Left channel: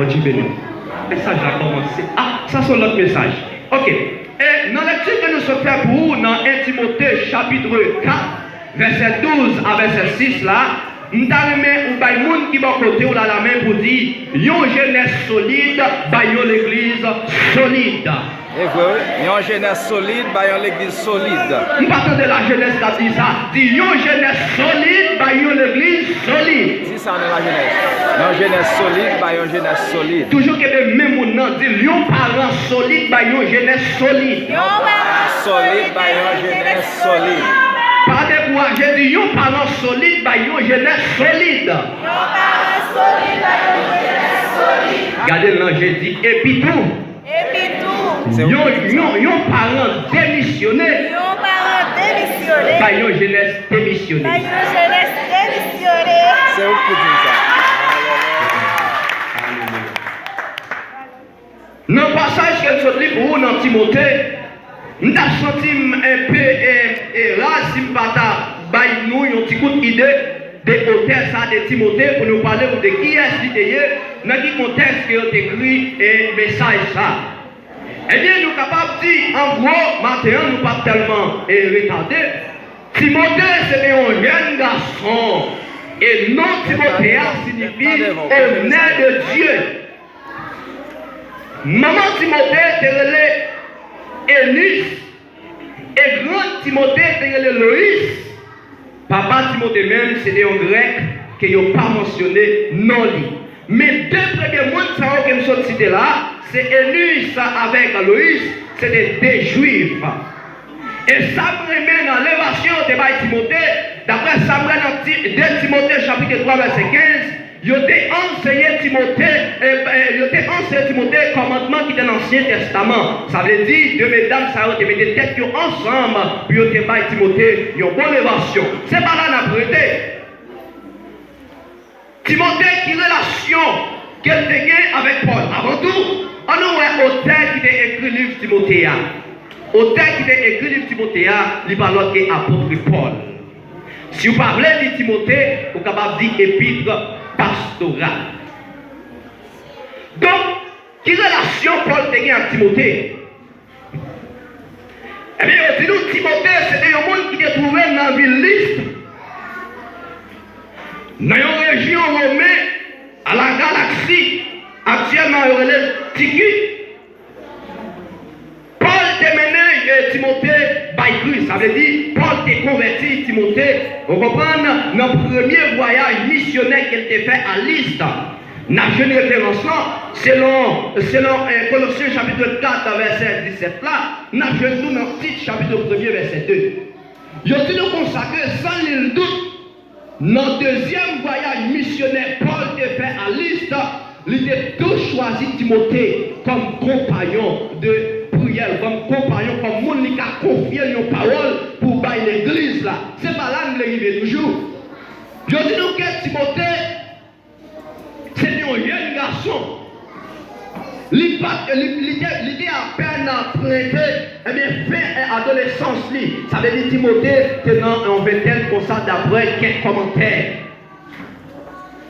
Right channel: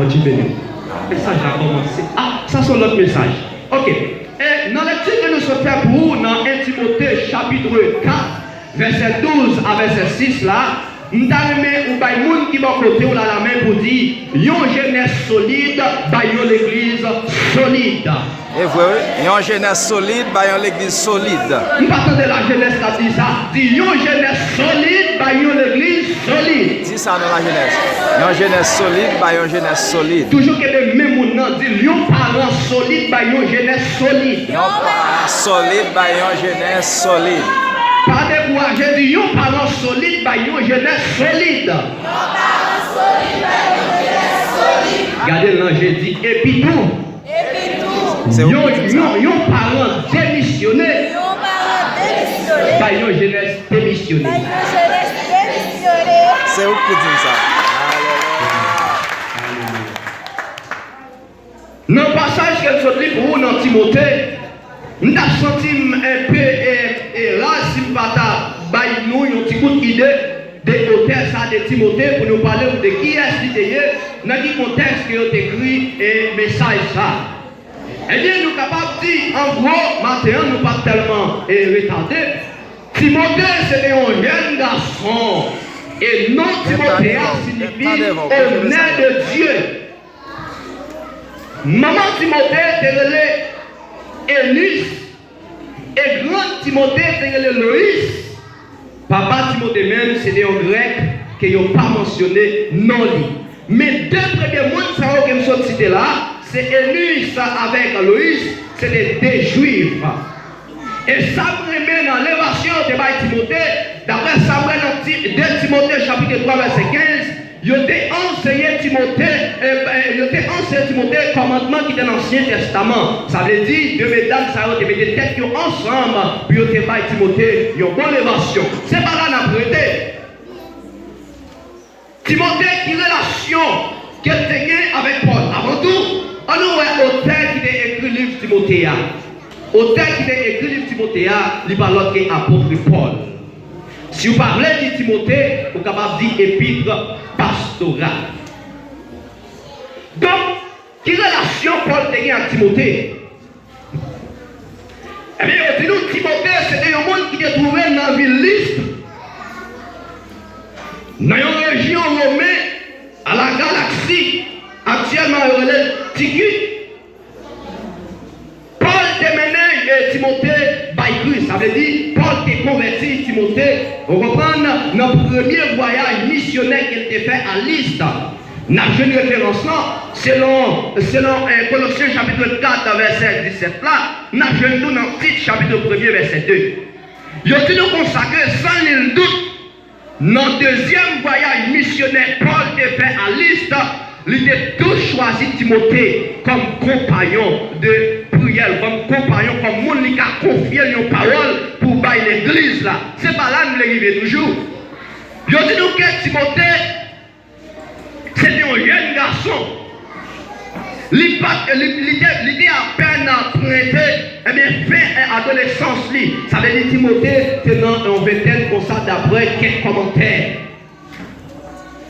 Bon Dieu béni. Le message a commencé. Ah, ça c'est notre message. Ok. Et dans le titre que nous sommes faits pour vous, dans 1 Timothée chapitre 4, verset 12 à verset 6 là, nous avons un monde qui va côté on a la main pour dire, une jeunesse solide, une l'église solide. Et oui, une jeunesse solide, une l'église solide. Nous partons de la jeunesse qui dit ça, dit une jeunesse solide, une l'église solide. Dis ça dans la jeunesse. Une jeunesse solide, une jeunesse solide. Toujours que le même monde dit, un parent solide, une jeunesse solide. Un parent solide, une jeunesse solide. Parlez-moi, j'ai dit, un parent solide, une jeunesse solide. Regardez là, j'ai dit, et puis tout. C'est où un parent démissionné. Une jeunesse démissionnée. C'est où que dit ça? Dans le passage que je dis pour vous dans Timothée, nous avons senti un peu là, si nous avons nous une petite idée de l'auteur de Timothée pour nous parler de qui est-ce qui est, dans quel contexte qui a écrit un message ça. Eh bien, nous sommes capables de dire, en gros, maintenant, nous ne sommes pas tellement retardés. Timothée, c'est un jeune garçon. Et non Timothée signifie honneur de Dieu. Maman Timothée, c'est Élise. Et grand Timothée, c'est Loïs. Papa Timothée même, c'est un grec qui n'a pas mentionné non lui. Mais deux premiers mots que nous sommes cités là, c'est Élise avec Loïs, c'est des juifs. Et ça me dans l'élévation de Timothée, d'après Samuel 2 Timothée chapitre 3 verset 15, il a enseigné Timothée commandement qui est dans l'Ancien Testament. Ça veut dire que les dames ça ont été têtes ensemble, puis ils ont Timothée une bonne élévation. C'est pas là la prêté. Timothée, quelle relation qu'elle a avec Paul? Avant tout, on a auteur qui a écrit le livre Timothée. Auteur qui a écrit le livre Timothée, il parle de l'apôtre Paul. Si vous parlez de Timothée, vous êtes capable de dire épître pastorale. Donc, quelle relation Paul a à Timothée? Eh bien, nous, Timothée, c'est un monde qui est trouvé dans la ville Lystre, dans une région romaine, à la galaxie, actuellement on est Ticus. Paul t'a mené Timothée by ça veut dire Paul t'a converti Timothée. On reprend notre premier voyage missionnaire qui a été fait à Lystre. N'a une référence selon Colossiens chapitre 4 verset 17 là, n'a une tout dans Tite chapitre 1 verset 2. Il a nous consacré sans nul doute notre deuxième voyage missionnaire Paul a fait à Lystre. Il a tout choisi Timothée comme compagnon de prière, comme compagnon, comme monde qui a confié une parole pour bailler l'église là. C'est pas là que nous arrivons toujours. Je dis nous que Timothée, c'était un jeune garçon. L'idée à peine à prêter, eh bien, fin adolescence. Ça veut dire Timothée, c'est dans un vingtaine comme ça d'après quelques commentaires.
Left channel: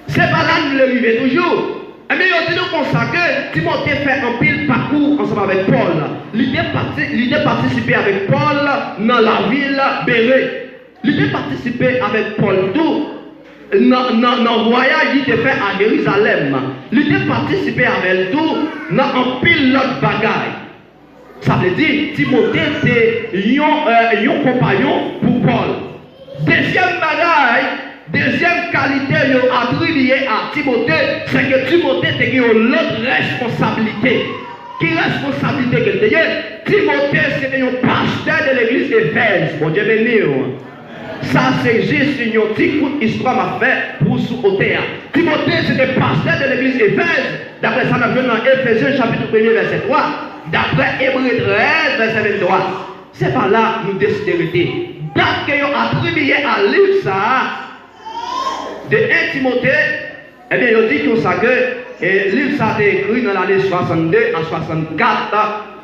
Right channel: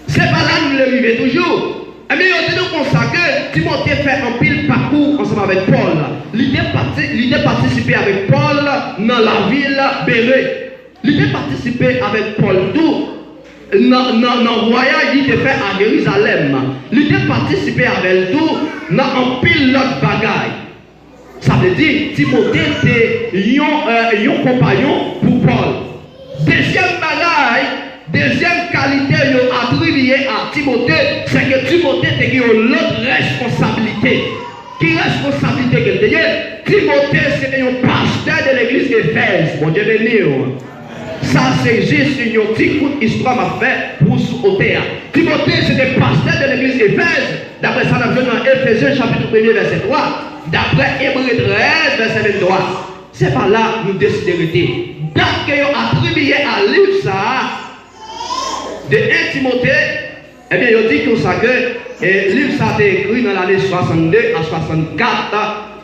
C'est pas là que nous arrivons toujours. Eh bien, on dit nous consacrer, Timothée fait un pile parcours ensemble avec Paul. L'idée participer avec Paul dans la ville Béret. L'idée participer avec Paul tout. Dans le voyage qu'il fait à Jérusalem, il était participé avec tout dans un pilote bagaille. Ça veut dire Timothée était un compagnon pour Paul. Deuxième bagaille, deuxième qualité attribuée à Timothée, c'est que Timothée a une autre responsabilité. Quelle responsabilité qu'il a? Timothée c'est un pasteur de l'église d'Éphèse. Bon Dieu béni. Ça, c'est juste une petite histoire à faire pour sous-côté. Timothée, c'est le pasteur de l'église d'Éphèse. D'après ça, nous avons dans Éphésiens chapitre 1 verset 3. D'après Hébreux 13 verset 23. C'est pas là nous décidons d'arrêter. Date que nous attribué à livre ça, de 1 Timothée, eh bien, il dit tout ça que le livre ça a été écrit dans l'année 62 à 64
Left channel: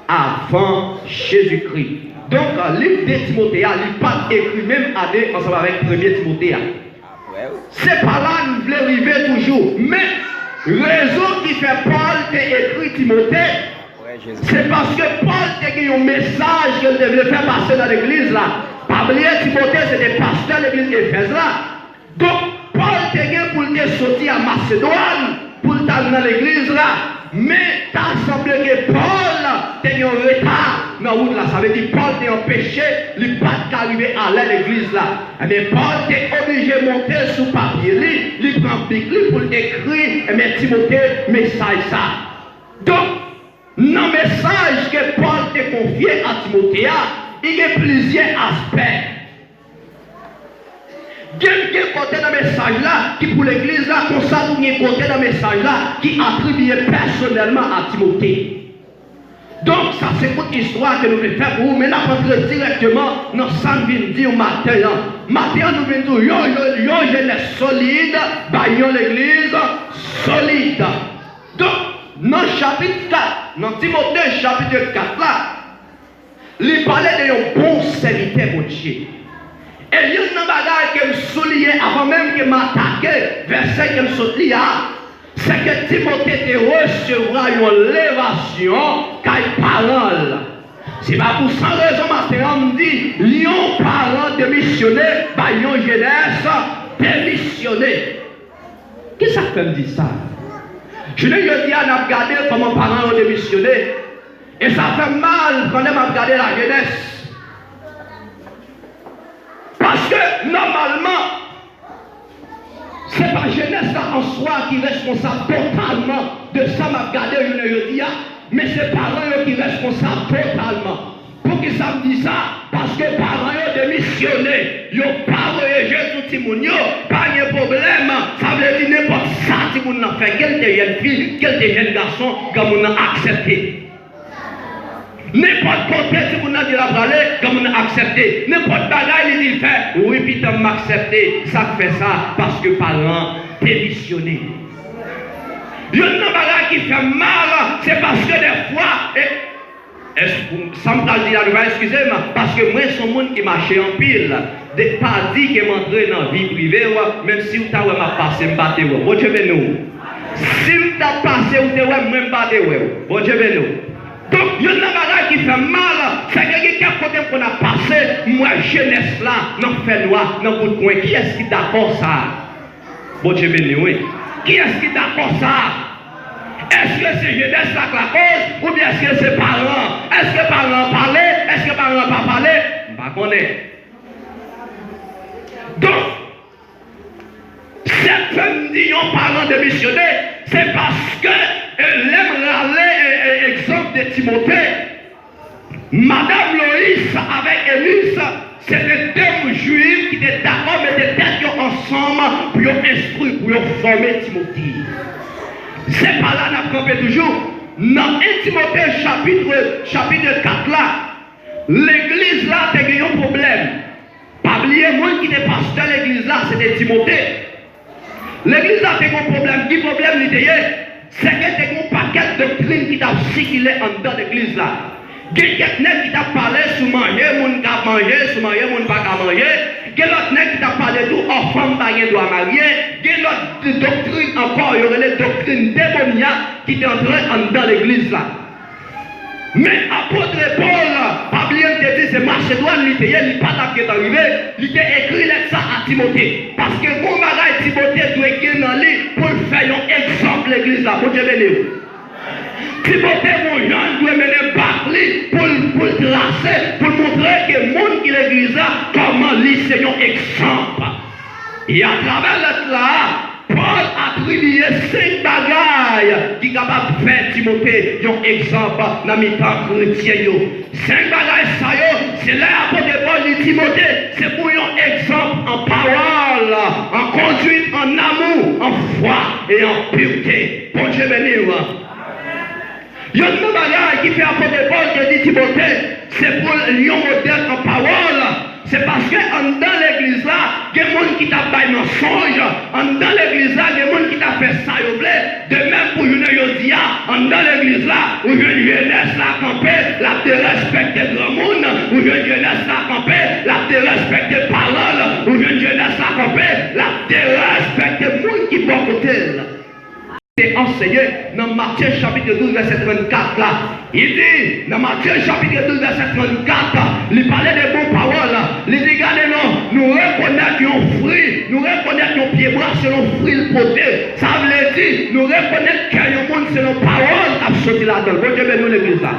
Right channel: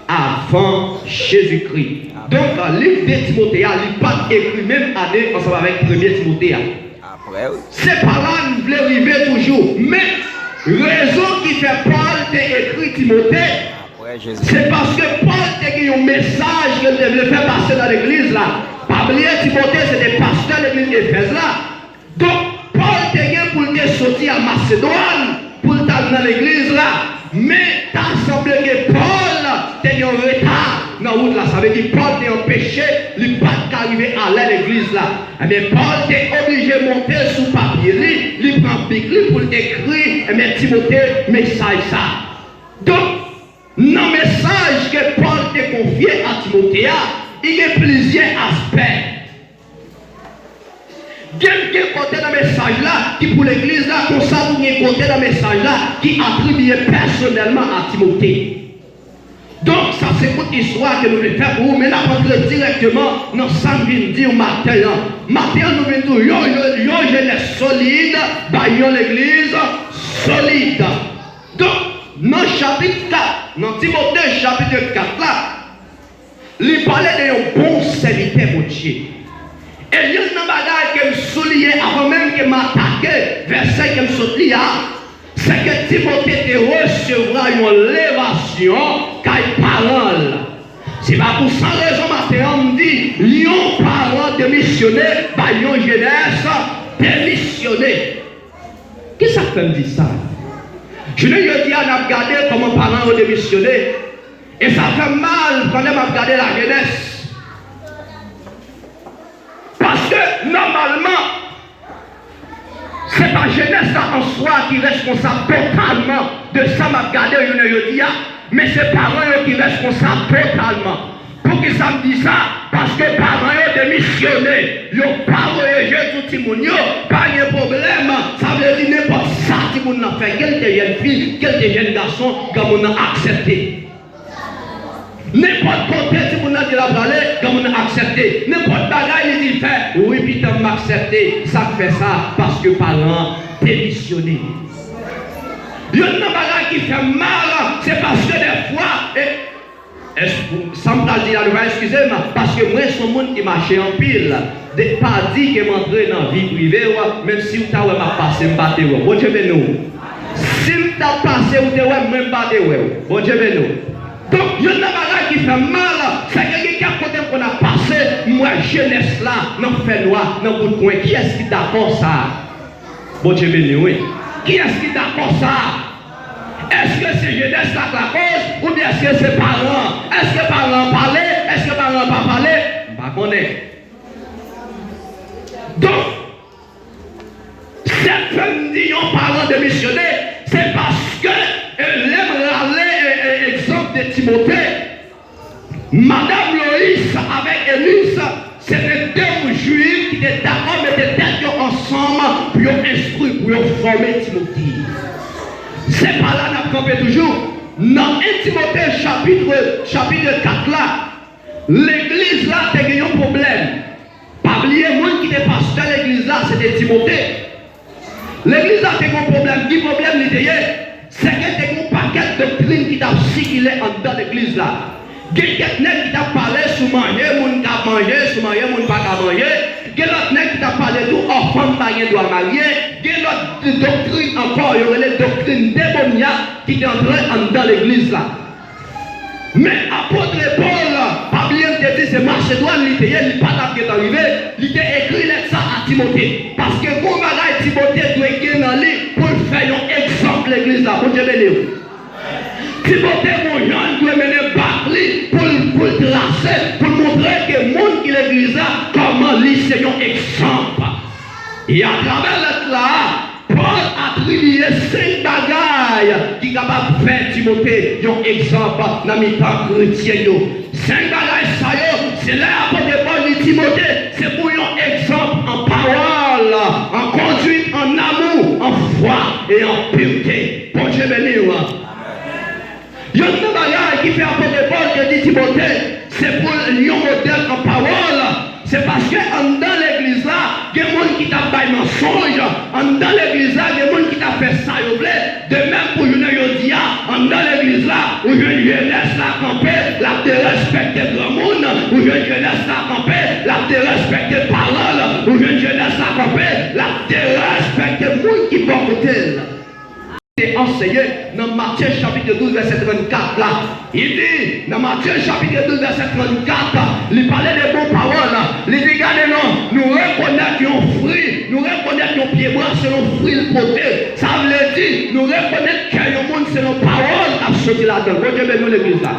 avant Jésus-Christ. Donc, le livre de Timothée, il n'est pas écrit même année ensemble avec 1er Timothée. C'est pas là que nous voulons arriver toujours. Mais, raison qui fait Paul t'a écrit Timothée, c'est parce que Paul t'a eu un message que devait faire passer dans l'église là. Pas oublier Timothée, c'est des pasteurs de l'église d'Éphèse là. Donc, Paul t'a eu pour qu'il sortir à Macédoine, pour t'amener dans l'église là. Mais t'as semblé que Paul t'a eu un retard dans la route là. Ça veut dire Paul t'a empêché, il n'est pas arrivé à l'église là. Mais Paul t'est obligé de monter sous papier, il prend Bible pour écrire, mais Timothée, message ça. Donc, dans le message que Paul t'a confié à Timothée, il y a plusieurs aspects. Quelqu'un côté dans le message là, qui pour l'église là, comme ça, il y a côté dans le message là, qui attribue personnellement à Timothée. Donc, ça c'est une histoire que nous devons faire pour vous, mais là, on entre directement dans 100 dit au matin. Matin, nous mettons une jeunesse solide, dans l'église solide. Donc, dans le chapitre 4, dans Timothée chapitre 4 là, il parlait d'un bon serviteur pour Dieu. Et il y a une bagaille que je soulignais avant même que je m'attaque, verset que je souligne, c'est que Timothée recevra une élévation car il parole. C'est pas pour ça raison matin on dit, lion parole de missionnaire, bah une jeunesse démissionnaire. Qui ça fait me dire ça? Je l'ai dit à regarder comment parents ont démissionné. Et ça fait mal quand on a regardé la jeunesse. Parce que normalement, c'est pas jeunesse en soi qui est responsable totalement de ça m'a regardé je dis, mais c'est parents qui sont responsables totalement. Pour qu'ils ça me dit ça, parce que parents ont démissionné, ils n'ont pas voyagé tout le monde, pas de problème, ça veut dire n'importe ça si vous n'avez fait, quelle jeune fille, quel jeune garçon, comme on a accepté. N'importe côté si vous n'avez pas parlé, comme on a accepté. N'importe bagaille il dit fait, oui, puis tu m'as accepté, ça fait ça parce que parents démissionné. Le bagaille qui fait mal, c'est parce que des fois, sans me dire la excusez-moi, parce que moi, je suis un monde qui marche en pile. Des pas dit que m'entrer dans la vie privée, même si vous avez passé, je vais vous bon Dieu nous. Si vous avez passé, vous avez même pas de bon Dieu nous. Donc, il y a une bagaille qui fait mal, c'est que quelqu'un qu'on a passé, moi, jeunesse là, dans le fait noir, dans le coin, qui est-ce qui est d'accord ça? Bon Dieu oui. Qui est-ce qui est d'accord ça? Est-ce que c'est jeunesse la cause ou bien est-ce que c'est parents? Est-ce que parents parlaient? Est-ce que parents pas parlé? Je ne sais pas. Donc, certains disent parents de missionnaires, c'est parce que l'exemple de Timothée, Madame Loïs avec Élise, c'est les deux juifs qui étaient d'accord, mais étaient ensemble pour instruire, pour former Timothée. C'est pas là qu'on fait toujours. Dans 1 Timothée chapitre 4 là, l'église là a eu un problème. Parmi les gens qui étaient pasteur à l'église là, c'était Timothée. L'église là a eu un problème. Quel problème il était? C'est qu'il y a un paquet de doctrines qui t'a circulé en dedans de l'église là. Quelqu'un qui t'a parlé sur manger, mon qui a mangé, sur manger, mon pas à manger. Quelqu'un qui t'a parlé tout enfant marié doit marier. Quelqu'un doctrine encore, il y aurait les doctrines démoniaques qui étaient entrées en dedans de l'église là. Mais apôtre Paul, pas bien que dit c'est Macédoine, il n'est pas là qui est arrivé, il a écrit ça à Timothée. Parce que pour marier Timothée doit écrire dans le livre pour faire un exemple de l'église là, pour que je le Timothée, mon Jean, doit mener Bacli pour tracer, pour montrer que le monde qui est l'église là, comment lui c'est un exemple. Et à travers là, Paul attribue 5 bagailles qui sont capables de faire Timothée un exemple dans les temps chrétiens. 5 bagailles, c'est là pour Paul dit Timothée, c'est pour un exemple en parole, en conduite, en amour, en foi et en pureté. Bon Dieu béni. Il y a une bagaille qui fait apôtre Paul qui dit Timothée, c'est pour un modèle en parole. C'est parce que dans l'église là, il y a des gens qui t'a fait un mensonge. Dans l'église là, il y a des gens qui t'a fait ça. De même pour une Yodia, dans l'église là, où je laisse la camper, la te respecter le monde, où je laisse la camper, la te respecter parole, où je laisse la camper, la te respecter le monde qui va côté. C'est enseigné dans Matthieu chapitre 12, verset 34 là. Il dit, dans Matthieu chapitre 12, verset 34, il parlait de bonnes paroles. Il dit, regardez, nous reconnaissons nos fruits, nous reconnaissons nos pieds bras selon nos fruits portés. Ça veut dire, nous reconnaissons que le monde c'est nos paroles qui ont sorti là-dedans. Bon Dieu bénisse l'église là.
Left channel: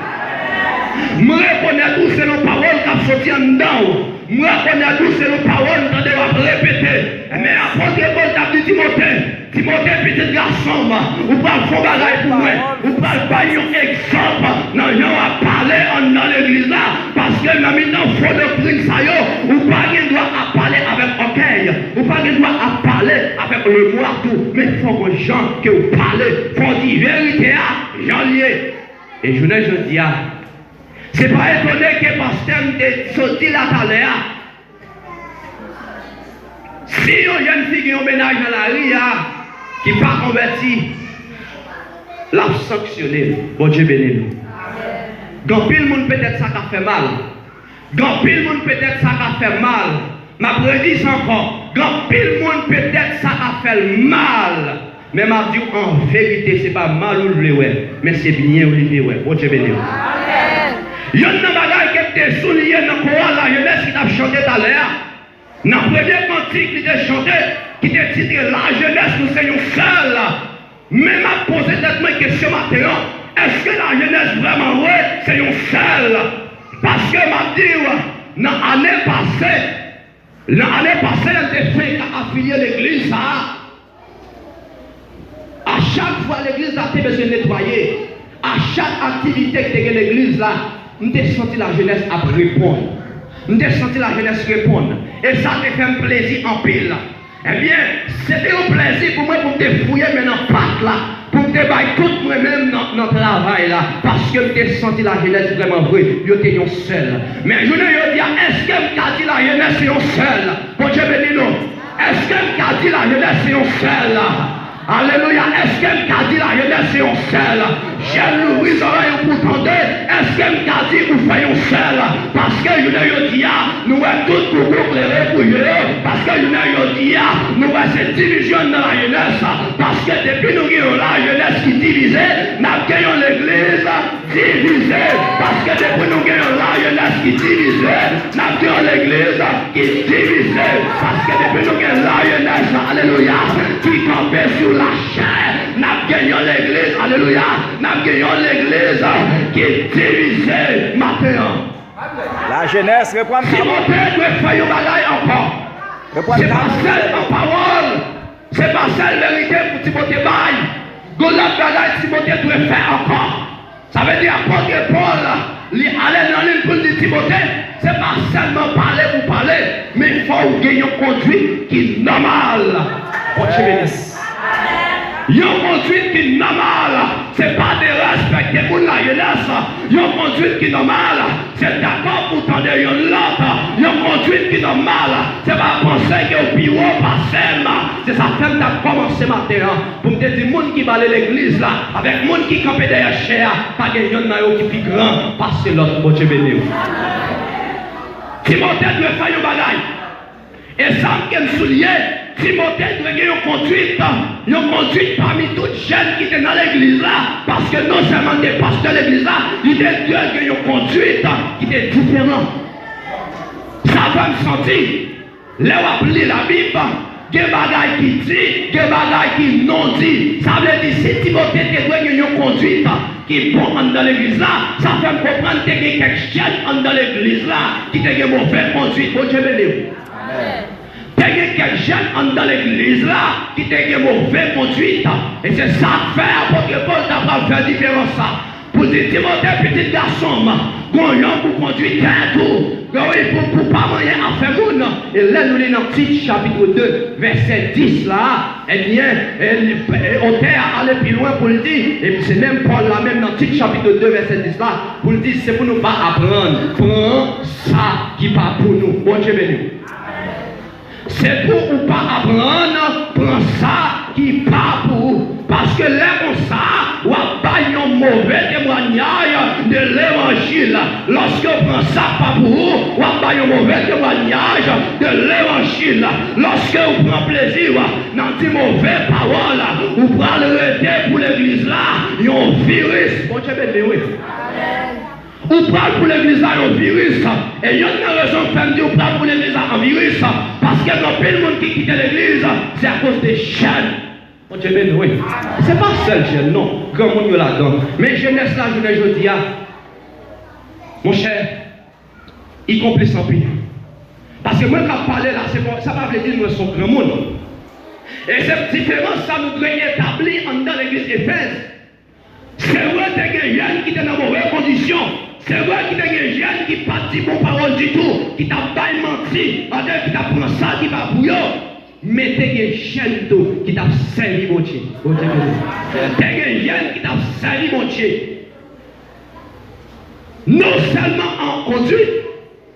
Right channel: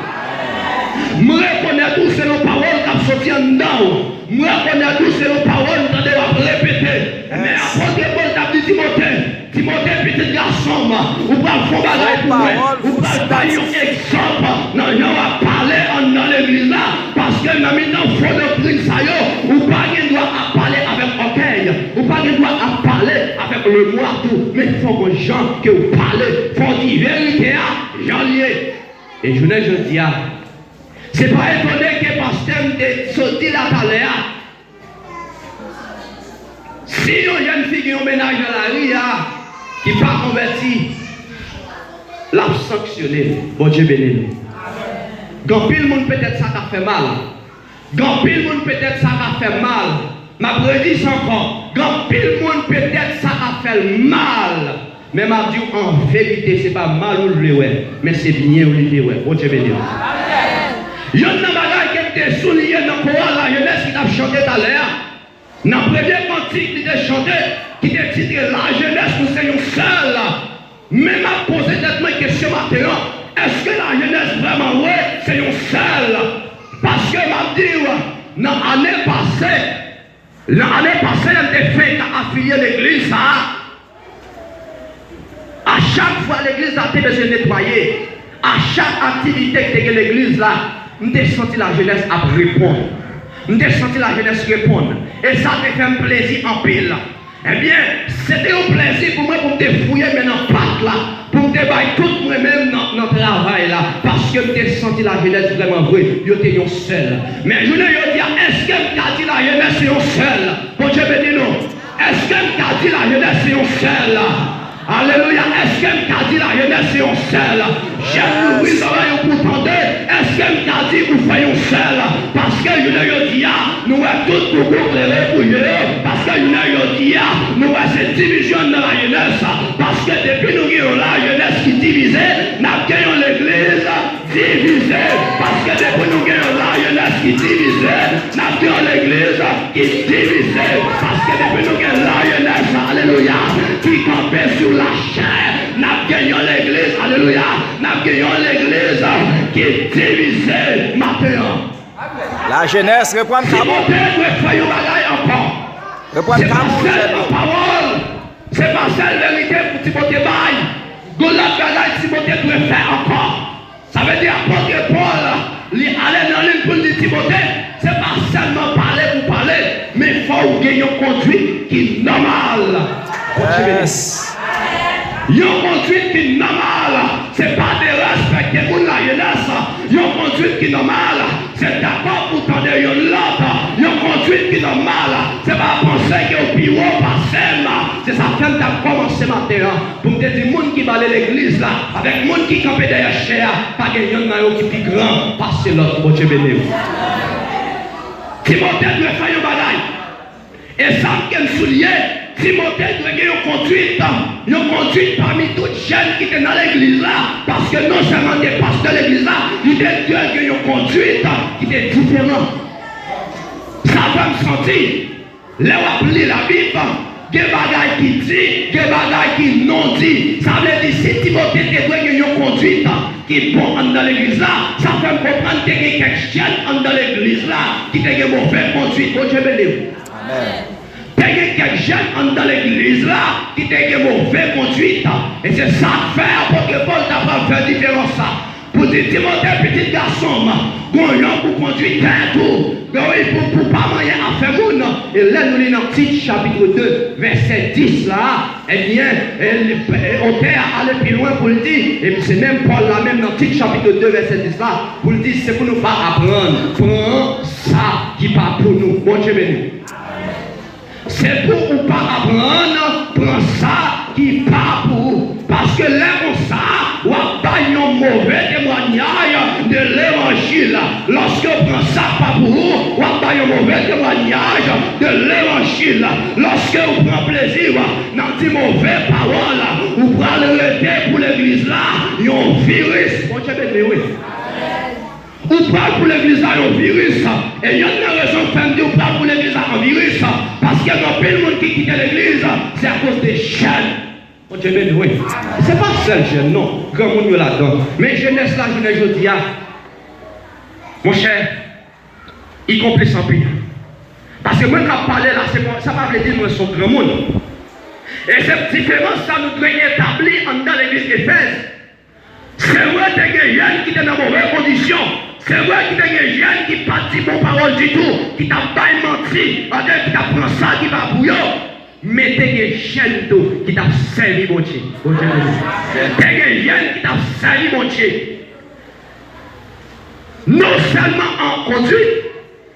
Nous reconnaissons tous ces nos paroles qui ont sorti en dedans. Nous reconnaissons tous ces nos paroles qui ont répéter. Mais apôtre Paul a dit Timothée, petit garçon, ou pas le fond ou pas le bail exemple, non, on va parler dans l'église là, parce que nous avons faut le prix ça y ou pas il doit parler avec orgueil, ou pas il doit parler avec le moi tout, mais il faut que gens que vous parlez, il faut dire vérité à j'en lié. Et je ne dis c'est pas étonné que le pasteur ait sorti la palais. Si une jeune fille qui est au ménage dans la rue, qui n'est pas convertie, l'a sanctionné. Bon Dieu béni. Dans pile monde peut-être ça a fait mal. Dans pile monde peut-être ça a fait mal. Ma prédise encore. Dans pile monde peut-être ça a fait mal. Mais m'a dit en vérité, ce n'est pas mal ou le ouais, mais c'est bien ou le ouais. Bon Dieu béni. Il y a une bagarre qui était soulignée dans le Coran, la jeunesse qui a chanté tout à l'heure. Dans le premier cantique qui était chanté, qui était titré la jeunesse, nous sommes seuls. Mais m'a posé cette question maintenant. Est-ce que la jeunesse vraiment, oui, c'est un seul? Parce que m'a dit, dans l'année passée, elle a fait affilier l'église. À chaque fois, l'église a été besoin de nettoyer. À chaque activité que l'église là, nous avons senti la jeunesse à répondre. Nous avons senti la jeunesse répondre. Et ça me fait un plaisir en pile. Eh bien, c'était un plaisir pour moi pour me fouiller maintenant pas là. Pour me débailler tout moi-même dans le travail là. Parce que je senti la jeunesse vraiment vraie. Je était seul. Mais je ne veux dire, est-ce que je dit la jeunesse est seul? Bon Dieu me dit non. Est-ce que je dit la jeunesse est seul? Alléluia. Est-ce que je dit la jeunesse est seul? J'aime oui, oreilles pour entendre. Est-ce que je dit nous faisons seul? Parce que je ne dis nous sommes tous pour éclairer pour Dieu. Parce que je ne dis nous sommes cette division dans la jeunesse. Parce que depuis nous avons la jeunesse qui divisée, nous avons l'église divisée. Parce que depuis nous avons la jeunesse qui divisée, nous avons l'église qui divisée. Parce que depuis nous avons la jeunesse, alléluia, qui campait sur la chair, nous avons l'église, alléluia, nous avons l'église qui est divisée maintenant. La jeunesse reprend le cabot. Reprend le cabot. C'est pas ça la vérité pour Timothée Baye. Goulat bagaille Timothée doit faire encore. Ça veut dire apôtre Paul, il allait dans l'île pour dire Timothée, c'est pas seulement parler pour parler, mais il faut gagner une conduite qui est normale. Yes. Une conduite qui est normale. C'est pas de respecter pour la jeunesse. Une conduite qui est normale. C'est d'accord pour tendre une l'autre. Une conduite qui est normale. C'est pas penser que au bureau passe. C'est ça que tu as commencé matin. Pour me dire, les gens qui balent l'église là, avec les gens qui campent derrière chair, pas des gens qui sont grands, passez l'autre, bon Dieu béni. Timothée doit faire une bataille. Et ça me souligne, Timothée doit avoir une conduite parmi toutes les jeunes qui étaient dans l'église là. Parce que non seulement des pasteurs de l'église là, il doit avoir une conduite qui était différente. Ça va me sentir. Là où on lit la Bible, des bagailles qui dit, des bagailles qui non dit. Ça veut dire si Timothée doit avoir une conduite qui est bonne dans l'église là, ça fait me comprendre qu'il y a quelques jeunes dans l'église là qui ont une mauvaise conduite. Bon Dieu béni. Amen. Il y a quelques jeunes dans l'église là qui ont une mauvaise conduite. Et c'est ça que fait apôtre Paul n'a pas fait différence ça. Pour dire Timothée, petit garçon, goyon pour conduire tout. Pour pas moyen à faire moun. Et là, nous lisons dans petit chapitre 2, verset 10 là. Eh bien, on est allé plus loin pour le dire. Et c'est même Paul là, même dans petit chapitre 2, verset 10 là, pour le dire, c'est pour nous pas apprendre. Prends ça qui pas pour nous. Bon Dieu béni. C'est pour nous pas apprendre. Prends ça qui pas pour vous. Parce que là, on ça, on n'a pas un mauvais témoignage de l'évangile. lorsque vous prenez ça pas pour vous, vous avez un mauvais témoignage de l'évangile. Lorsque vous prenez plaisir dans ces mauvaises paroles, vous prenez le rester pour l'église là, il y a un virus. Bon Dieu béni, oui. Vous prenez pour l'église là un virus. Et il y a une raison de faire vous prenez pour l'église là un virus. Parce que dans le monde qui quitte l'église, c'est à cause des chaînes. Bon Dieu béni, oui. C'est pas seul jeune, non. Grand monde là-dedans. Mais jeunesse là, je dis, mon cher, il complice en pays. Parce que moi, quand je parle là, ça va veut dire que nous sommes grand monde. Et cette différence, ça nous doit établir dans l'église d'Éphèse. C'est vrai que des jeunes qui sont dans de mauvaises conditions. C'est vrai que des jeunes qui ne parlent pas de bonnes paroles du tout, qui t'a pas menti, qui t'a pris ça, qui va pour eux. Mais des jeunes qui t'a servi mon Dieu. Des jeunes qui t'a servi mon Dieu. Non seulement en conduite,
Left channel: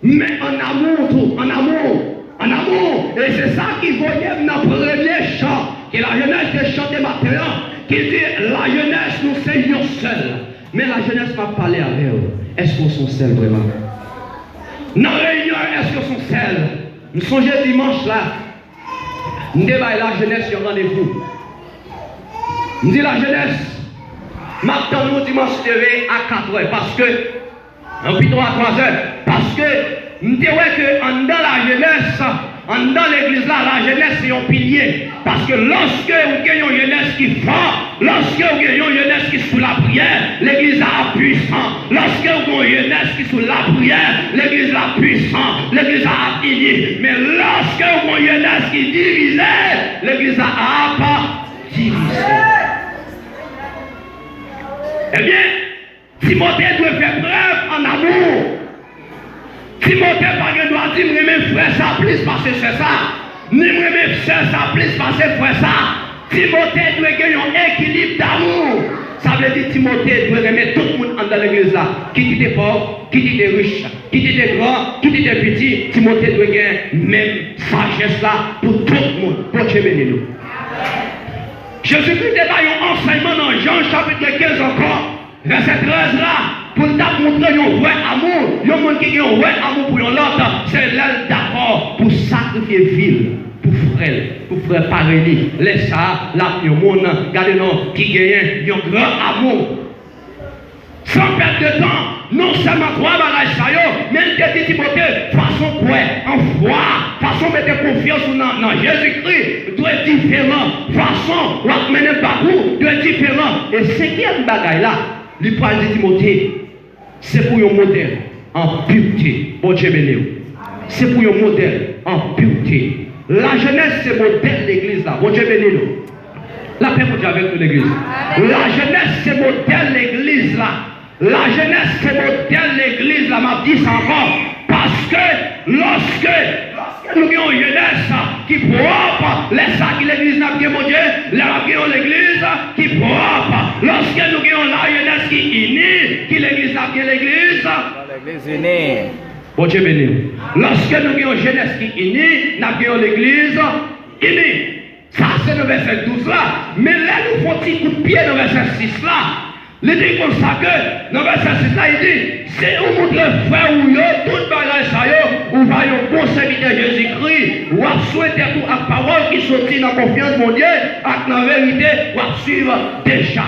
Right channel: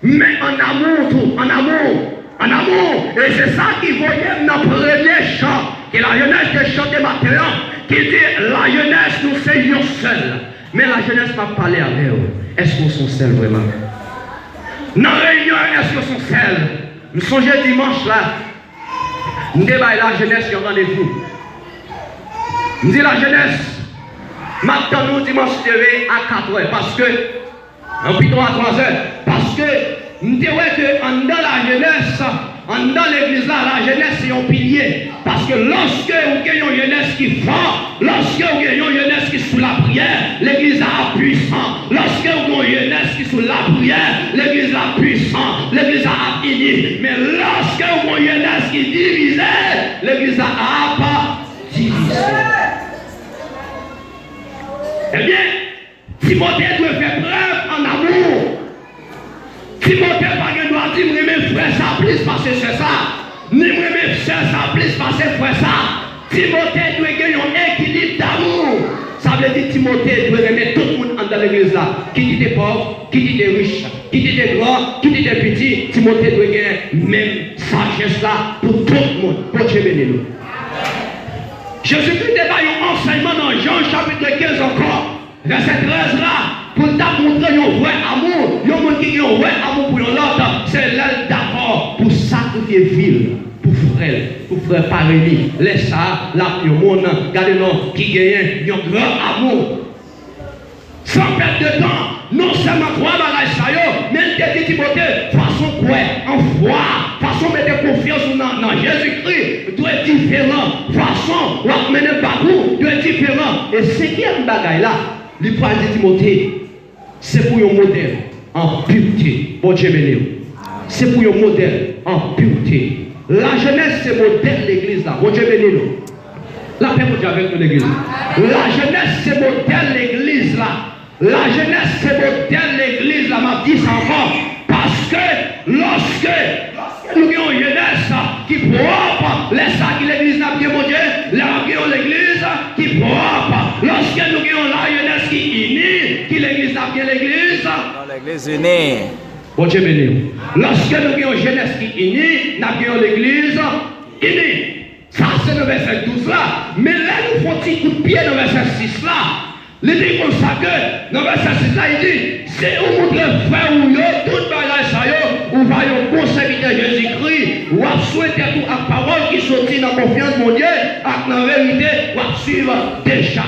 mais en amour tout, en amour. Et c'est ça qui voyait dans le premier chant, que la jeunesse de chanter maintenant, qui dit la jeunesse nous seignons seuls. Mais la jeunesse m'a parlé avec eux. Est-ce qu'on sont seuls vraiment? Dans la réunion, est-ce qu'on sont seuls? Nous songeons dimanche là, nous débattons la jeunesse sur rendez-vous. Nous disons la jeunesse, maintenant nous dimanche à 4 heures, parce que, en plutôt à 3 heures, parce que nous disons que dans la jeunesse, dans l'église là, la jeunesse c'est un pilier. Parce que lorsque vous avez une jeunesse qui est forte, lorsque vous avez une jeunesse qui est sous la prière, l'église a puissant. Lorsque vous avez une jeunesse qui est sous la prière, l'église a puissant, l'église a fini. Mais lorsque vous avez une jeunesse qui est divisée, l'église a pas divisé. Eh bien, Timothée doit faire preuve en amour. Timothée doit dire, mes frères, ça plus parce que c'est ça. Ni mes frères, ça plus parce que c'est ça. Timothée doit gagner un équilibre d'amour. Ça veut dire Timothée doit remettre tout le monde dans l'église là. Qui dit des pauvres, qui dit des riches, qui dit des grands, qui dit des petits. Timothée doit gagner même sagesse là pour tout le monde. Pour Dieu béni nous. Jésus-Christ débat un enseignement dans Jean chapitre 15 encore. Verset 13 là. Pour montrer un vrai amour, il y a un monde qui a un vrai amour pour l'autre, c'est l'aile d'accord pour sacrifier ville, pour frère pareil, laisse ça, là, il y a un monde, regardez-nous, qui gagne un grand amour. Sans perdre de temps, non seulement trois bagages ça, mais il dit Timothée, façon quoi, en foi, façon de mettre confiance dans Jésus-Christ, doit être différent, façon, ou à mener parcours, doit être différent. Et cinquième bagaille là, il parle de Timothée. C'est pour un modèle en pureté. Bon Dieu béni. C'est pour un modèle en pureté. La jeunesse, c'est modèle de l'église là. Bon Dieu béni. La paix pour Dieu avec l'église. La jeunesse, c'est modèle de l'église là. La jeunesse, c'est modèle de l'église là. M'a dit ça encore. Parce que lorsque nous avons une jeunesse qui propre, laisse ça que l'église n'a pas mon Dieu, là nous avons l'église qui propre. Lorsque nous avons la jeunesse qui unie, qui l'église n'a pas l'église. Dans l'église unie. Bon Dieu béni. Lorsque nous avons une jeunesse qui unie, nous avons l'église unie. Ça c'est le verset 12 là. Mais là nous faisons un petit coup de pied dans le verset 6 là. Il dit comme ça que dans le verset 6 là, il dit, c'est où votre frère ou yo, tout bagage ça yo, ou va yon bon serviteur Jésus-Christ, ou à souhaiter tout à parole qui sortit dans la confiance de mon Dieu, à la vérité, ou à suivre déjà.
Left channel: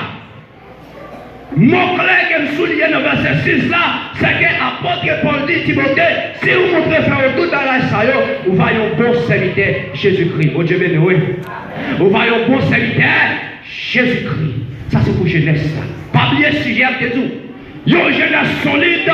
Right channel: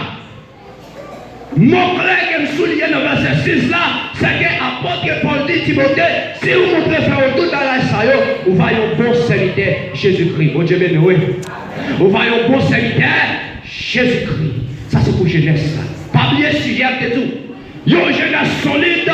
Mon collègue qui me souligne dans le verset 6 là, c'est que l'apôtre Paul dit Timothée, si vous montrez frère tout bagage ça yo, ou va yon bon serviteur Jésus-Christ. Bon Dieu béni, oui. Ou va yon bon serviteur Jésus-Christ. Ça c'est pour jeunesse. Pas oublier le sujet de tout. Yon jeunesse solide,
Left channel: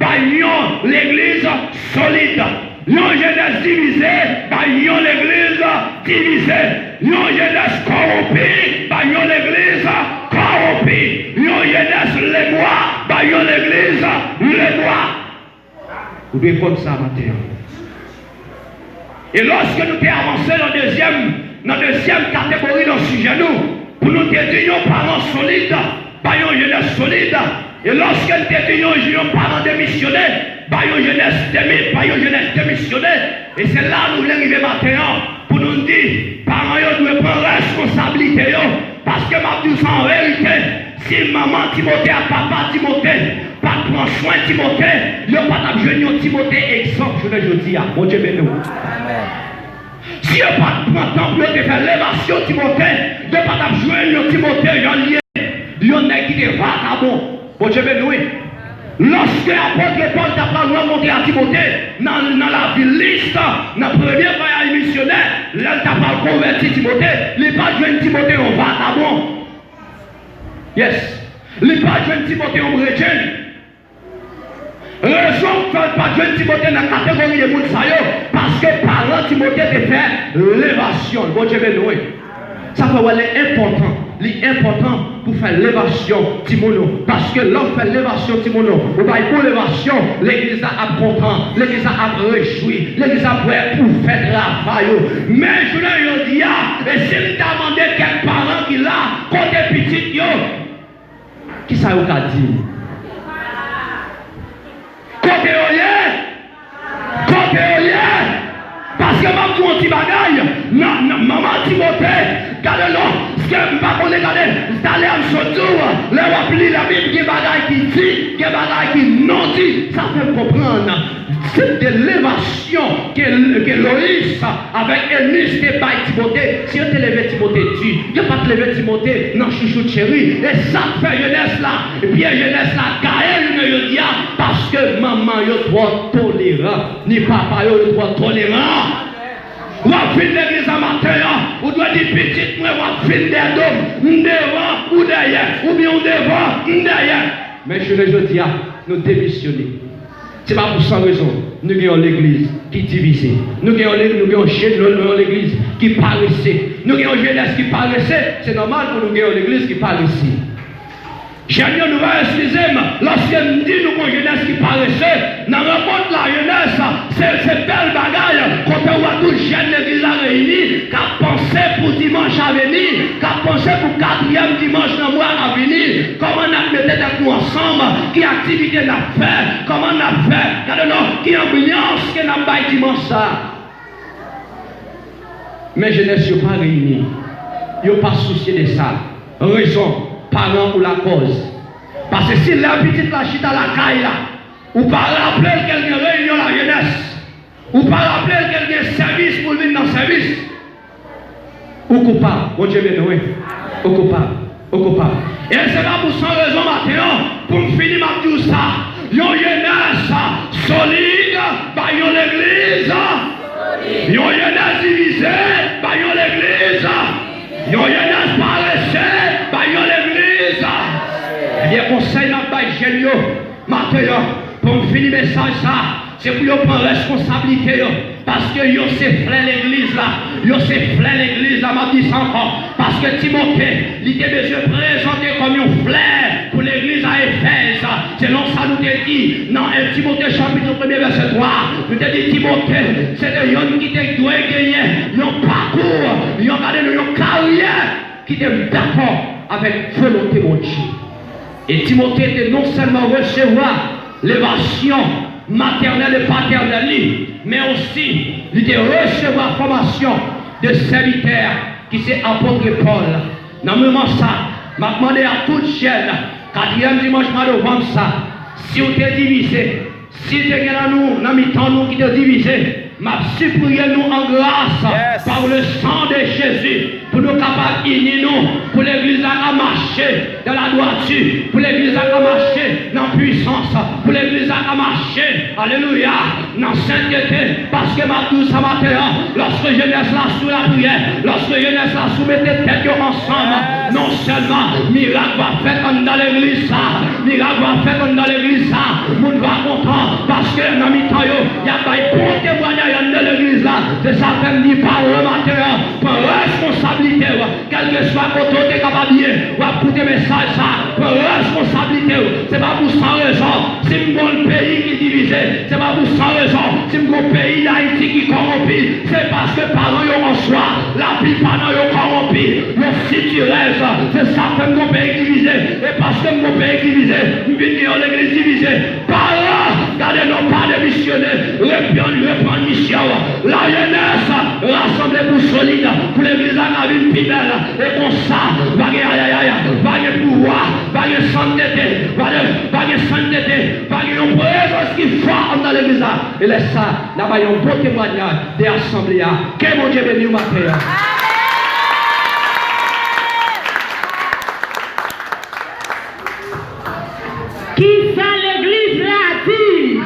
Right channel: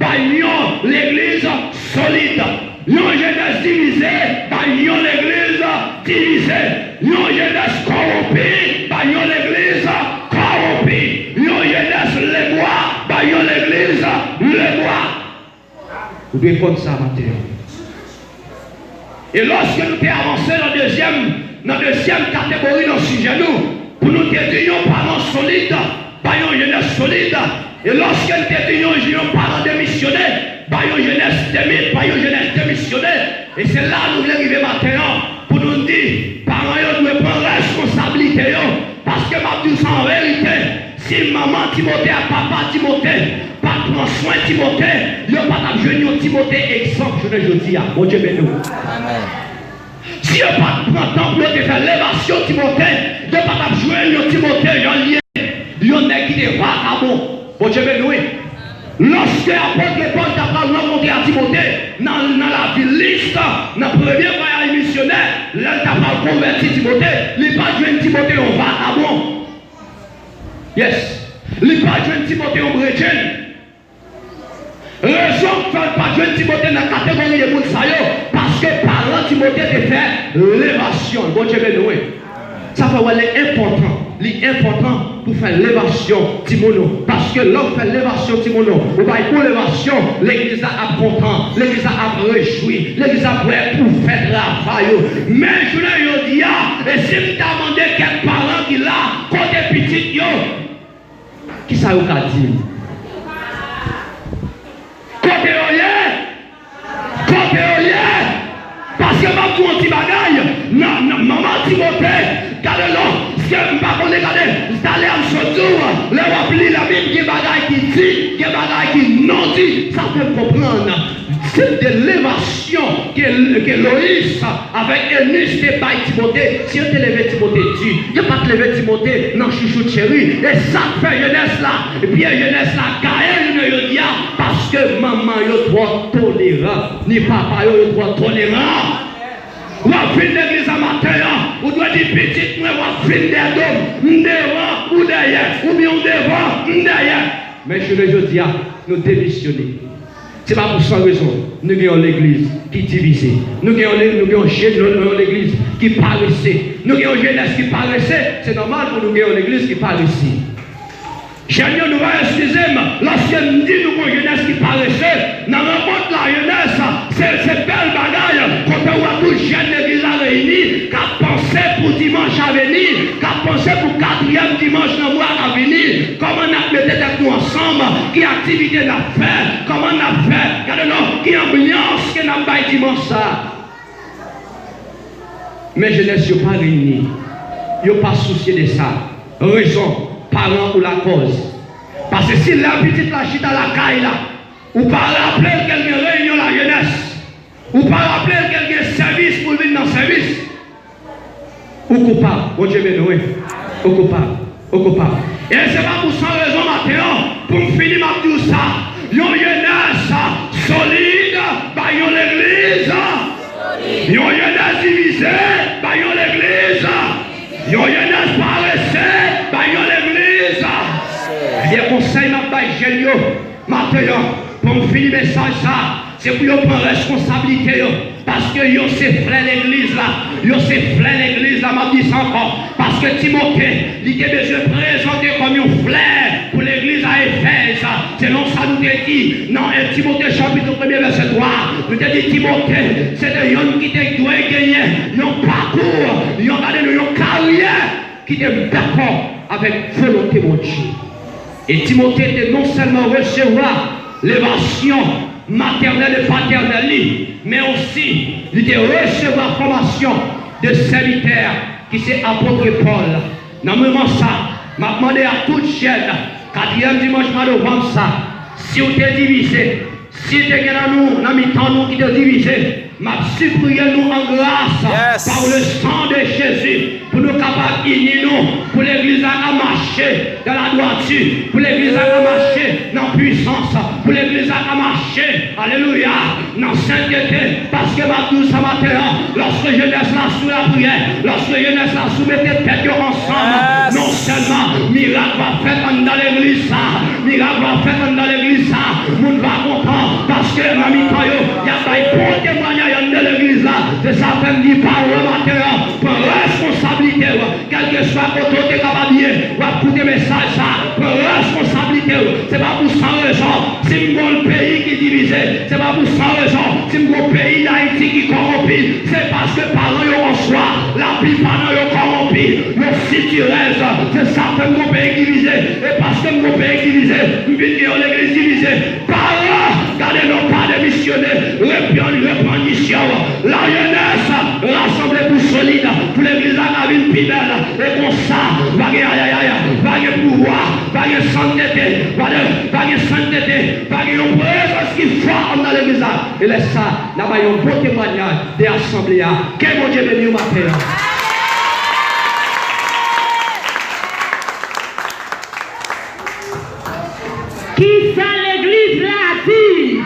yon l'église solide. Yon jeunesse divisée, yon l'église divisée. Yon jeunesse corrompue, yon l'église corrompue. Yon jeunesse lébois, yon l'église lébois. Vous devez comme ça matin. Et lorsque nous avons avancé dans la deuxième catégorie dans ce sujet, pour nous dire nos parents solides, une jeunesse solide. Et lorsque nous disons nos parents démissionnaires, une jeunesse démissionnaire. Et c'est là où nous voulons arriver maintenant pour nous dire, parents doivent prendre responsabilité. Parce que ma douce en vérité, si maman Timothée, papa Timothée, pas prendre soin de Timothée, il n'y a pas de Timothée exemple, je ne dis à bon Dieu béni. Amen. Si il n'y a pas de temps pour faire l'élévation de Timothée, il n'y a pas de jouer Timothée, il y en a qui est vagabond. Bon Dieu béni. Lorsque l'apôtre Paul t'a pas remonté à Timothée, dans la liste, dans le premier voyage missionnaire, là, il t'a pas converti Timothée, il n'est pas joué Timothée en vagabond. Yes. Il n'est pas joué Timothée en chrétien. Raison pour ne pas jouer Timothée dans la catégorie des Moussaïos, parce que parlant Timothée de faire l'élévation. Bon Dieu béni. Ça fait important. L'important pour faire l'élévation Timono. Parce que l'homme fait l'élévation Timono. Ou bien pour l'élévation, l'église a content, l'église a réjoui, l'église a prêt pour faire travail. Mais je ne dis pas, et si tu as demandé quel parent qui l'a, côté petit, qui ça vous a dit? Côté olé, parce que ma petit bagaille, maman Timothée, regardez-le. Je ne sais pas comment regarder, c'est allé en Sotour, le repli la Bible, qui est bagaille qui dit, qui est bagaille qui non dit, ça fait comprendre. C'est de l'élévation que Loïs avec Élis qui est Timothée. Si on te lève Timothée, il n'y a pas de lever Timothée, non, chouchou chéri. Et ça fait jeunesse là, et puis jeunesse là, Gaël ne le dit pas, parce que maman est trop tolérant, ni papa est trop tolérant. Ou à fin l'église à matin, ou doit dire petit, ou à fin des dômes, devant ou derrière, ou bien devant ou derrière. Mais je le dis, nous démissionnons. Ce n'est pas pour ça raison. Nous avons l'église qui est divisée. Nous avons l'église qui paraissait. Nous avons jeunesse qui paraissait. C'est normal que nous ayons l'église qui paraissait. J'ai une nouvelle, excusez-moi, lorsque nous disons que nous avons jeunesse qui paraissait, dans le monde de la jeunesse, c'est belle bagaille, quand on voit tout jeune l'église réunie, qui a pensé pour dimanche à venir, qui a pensé pour 4e dimanche dans le mois à venir, comment on a mis avec nous ensemble, qui activité on a fait, comment on a fait, regardez-nous, qui ambiance que nous avons dimanche ça. Mais jeunesse n'est pas réunie, il n'y a pas souci de ça. Raison. Parents pour la cause. Parce que si la petite la chita la caille là, ou pas rappeler qu'elle ne réunion la jeunesse, ou pas rappeler qu'elle a un service pour venir dans le service, ou coupable, bon Dieu béni, ou coupable. Et c'est pas pour ça raison maintenant, pour finir ma tout ça, yon jeunesse solide, bah yon l'église, yon jeunesse divisée, bah yon l'église, yon jeunesse paressée, bah yon l'église. Les conseils n'a pas géniaux. Maintenant, pour finir le message, c'est pour nous prendre responsabilité. Parce que yo c'est frère l'église là. Yo c'est frère l'église là, m'a dit ça encore. Parce que Timothée, il était besoin de présenter comme un frère pour l'église à Éphèse. C'est non ça nous dit. Non, et Timothée chapitre 1 verset 3. Nous te dit Timothée, c'est un homme qui te doit gagner. Nos parcours, ils ont gardé nos carrières qui étaient d'accord avec volonté mon Dieu. Et Timothée était non seulement recevoir l'évasion maternelle et paternelle, mais aussi il était recevoir formation de serviteur qui c'est apôtre Paul. Dans le moment ça, m'a demandé à toute chaîne, 4e dimanche de novembre ça, si vous êtes divisé, si vous êtes dans mi-temps nous qui êtes divisé, m'a supplié nous en grâce par le sang de Jésus pour nous capables d'unir nous, pour l'église à marcher dans la droiture, pour l'église à marcher dans la puissance, pour l'église à marcher, alléluia, dans la sainteté, parce que ma douce matin, lorsque je laisse la sous la prière, lorsque je laisse la sous mes têtes ensemble, non seulement miracle va faire dans l'église, miracle va faire dans l'église, nous va content, parce que dans mi-temps, il y a un bon témoignage de l'église, de certaines qui parlent le matin, pour responsabilité, quel que soit le côté capable, ou à écouter message, pour responsabilité, c'est pas pour sans raison, si vous avez un pays qui est divisé, c'est pas pour sans raison, si vous avez un pays d'Haïti qui est corrompu, c'est parce que parents en soi, la plupart sont corrompus, le situeresse, c'est certains de pays divisé, et parce que mon pays divisé, nous venons l'église divisée, par là, gardez-nous pas de missionnaires, reprendre mission, la jeunesse, rassemblée pour solide, pour l'église à la ville plus belle, et comme ça, va y pouvoir, va y sainteté, et laisse ça, là, il y a un beau témoignage des assemblées. Quel bon Dieu béni, ma paix. Qui ça l'église là dit?